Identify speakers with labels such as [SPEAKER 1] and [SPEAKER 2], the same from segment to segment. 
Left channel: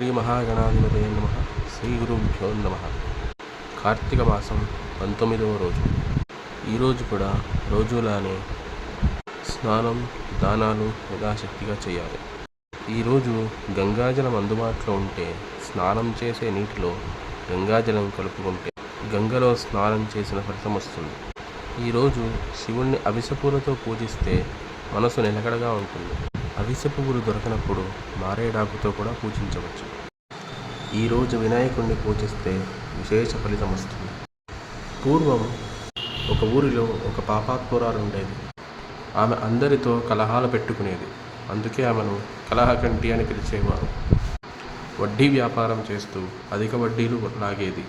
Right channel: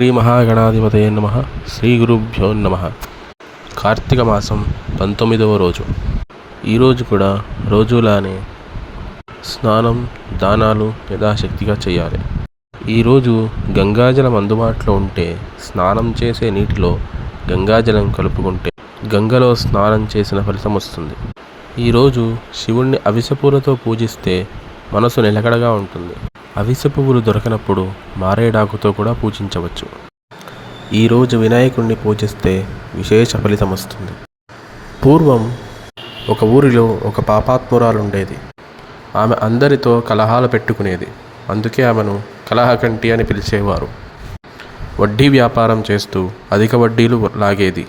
[SPEAKER 1] శ్రీ మహాగణాధిపతయ నమ. శ్రీ గురుభ్యో నమ. కార్తీక మాసం పంతొమ్మిదవ రోజు. ఈరోజు కూడా రోజులానే స్నానం దానాలు యథాశక్తిగా చేయాలి. ఈరోజు గంగాజలం అందుబాటులో ఉంటే స్నానం చేసే నీటిలో గంగాజలం కలుపుకుంటే గంగలో స్నానం చేసిన ఫలితం వస్తుంది. ఈరోజు శివుణ్ణి అవిసపూలతో పూజిస్తే మనసు నిలకడగా ఉంటుంది. అవిసె పువ్వులు దొరకనప్పుడు మారేడాకుతో కూడా పూజించవచ్చు. ఈరోజు వినాయకుణ్ణి పూజిస్తే విశేష ఫలితం వస్తుంది. పూర్వం ఒక ఊరిలో ఒక పాపాత్మురాలు ఉండేది ఆమె అందరితో కలహాలు పెట్టుకునేది. అందుకే ఆమెను కలహకంటి అని పిలిచేవారు. వడ్డీ వ్యాపారం చేస్తూ అధిక వడ్డీలు లాగేది.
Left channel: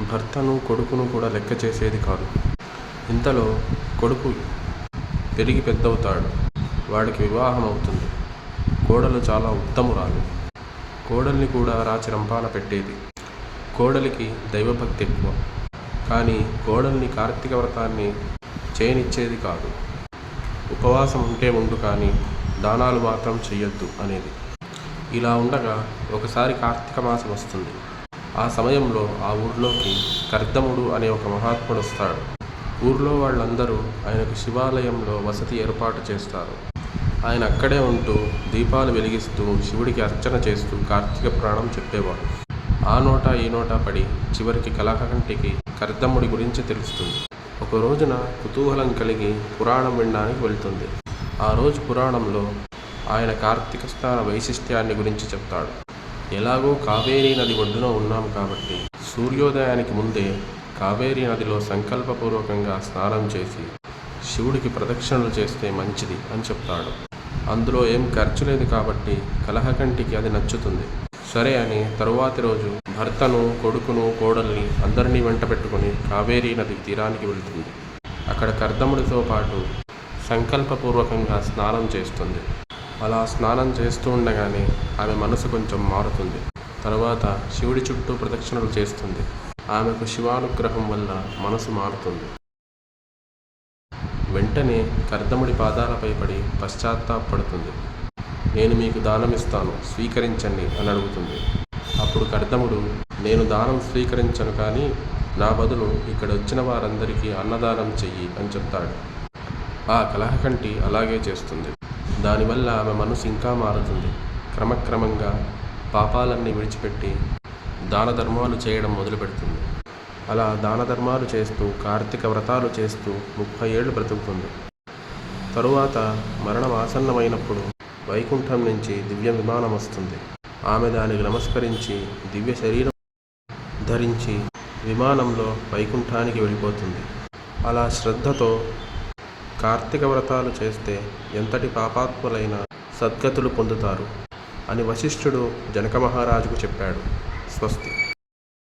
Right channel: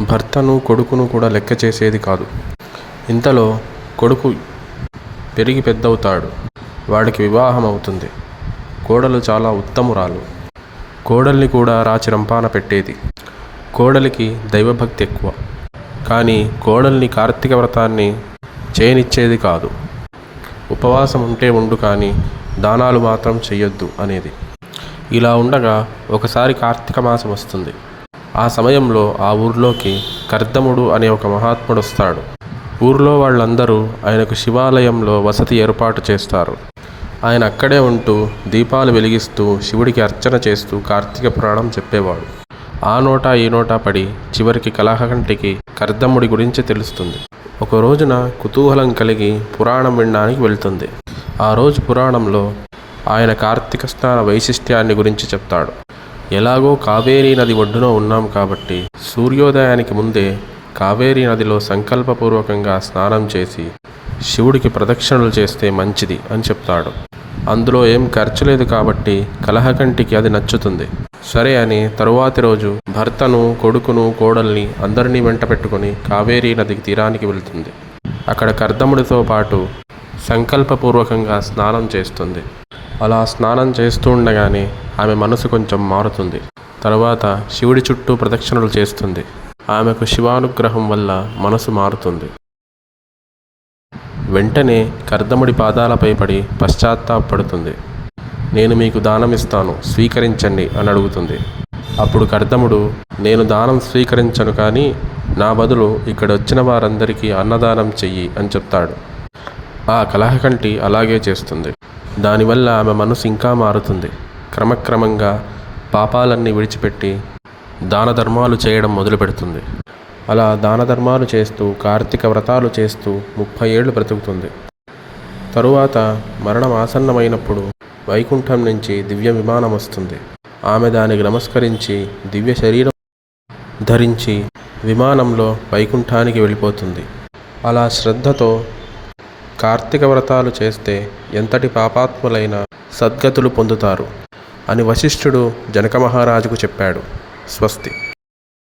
[SPEAKER 1] భర్తను కొడుకును కూడా లెక్క చేసేది కాదు. ఇంతలో కొడుకు పెరిగి పెద్దవుతాడు. వాడికి వివాహం అవుతుంది. కోడలు చాలా ఉత్తమురాలు. కోడల్ని కూడా రాచిరంపాన పెట్టేది. కోడలికి దైవభక్తి ఎక్కువ. కానీ కోడల్ని కార్తీక వ్రతాన్ని చేయనిచ్చేది కాదు. ఉపవాసం ఉంటే ఉండు కానీ దానాలు మాత్రం చెయ్యొద్దు అనేది. ఇలా ఉండగా ఒకసారి కార్తీక మాసం వస్తుంది. ఆ సమయంలో ఆ ఊర్లోకి కర్దముడు అనే ఒక మహాత్ముడు వస్తాడు. ఊర్లో వాళ్ళందరూ ఆయనకు శివాలయంలో వసతి ఏర్పాటు చేస్తారు. ఆయన అక్కడే ఉంటూ దీపాలు వెలిగిస్తూ శివుడికి అర్చన చేస్తూ కార్తీక పురాణం చెప్పేవాడు. ఆ నోట ఈ నోట పడి చివరికి కలహకంటికి కర్దమ్ముడి గురించి తెలుస్తుంది. ఒక రోజున కుతూహలం కలిగి పురాణం వినడానికి వెళ్తుంది. ఆ రోజు పురాణంలో ఆయన కార్తీక స్నాన వైశిష్ట్యాన్ని గురించి చెప్తాడు. ఎలాగో కావేరీ నది ఒడ్డున ఉన్నాం కాబట్టి సూర్యోదయానికి ముందే కావేరీ నదిలో సంకల్పపూర్వకంగా స్నానం చేసి శివుడికి ప్రదక్షిణలు చేస్తే మంచిది అని చెప్తాడు. అందులో ఏం ఖర్చు లేదు కాబట్టి కలహకంటికి అది నచ్చుతుంది. సరే అని తరువాతి రోజు భర్తను కొడుకును కోడల్ని అందరినీ వెంట పెట్టుకొని కావేరీ నదికి తీరానికి వెళ్తుంది. అక్కడ కర్దముడితో పాటు సంకల్పపూర్వకంగా స్నానం చేస్తుంది. అలా స్నానం చేస్తూ ఉండగానే ఆమె మనసు కొంచెం మారుతుంది. తర్వాత శివుడి చుట్టూ ప్రదక్షిణలు చేస్తుంది. ఆమెకు శివానుగ్రహం వల్ల మనసు మారుతుంది. వెంటనే కర్దముడి పాదాలపై పడి పశ్చాత్తాపడుతుంది. నేను మీకు దానమిస్తాను స్వీకరించండి అని అడుగుతుంది. అప్పుడు కర్దముడు నేను దానం స్వీకరించను కానీ నా బదులు ఇక్కడ వచ్చిన వారందరికీ అన్నదానం చెయ్యి అని చెప్తాడు. ఆ కలహకంటి అలాగే చేస్తుంది. దానివల్ల ఆమె మనసు ఇంకా మారుతుంది. క్రమక్రమంగా పాపాలన్నీ విడిచిపెట్టి దాన ధర్మాలు చేయడం మొదలుపెడుతుంది. అలా దాన ధర్మాలు చేస్తూ కార్తీక వ్రతాలు చేస్తూ ముప్పై ఏళ్ళు బ్రతుకుతుంది. తరువాత మరణం ఆసన్నమైనప్పుడు వైకుంఠం నుంచి దివ్య విమానం వస్తుంది. ఆమె దానికి నమస్కరించి దివ్య శరీరం ధరించి విమానంలో వైకుంఠానికి వెళ్ళిపోతుంది. అలా శ్రద్ధతో కార్తీక వ్రతాలు చేస్తే ఎంతటి పాపాత్ములైన సద్గతులు పొందుతారు అని వశిష్ఠుడు జనక మహారాజుకు చెప్పాడు. స్వస్తి.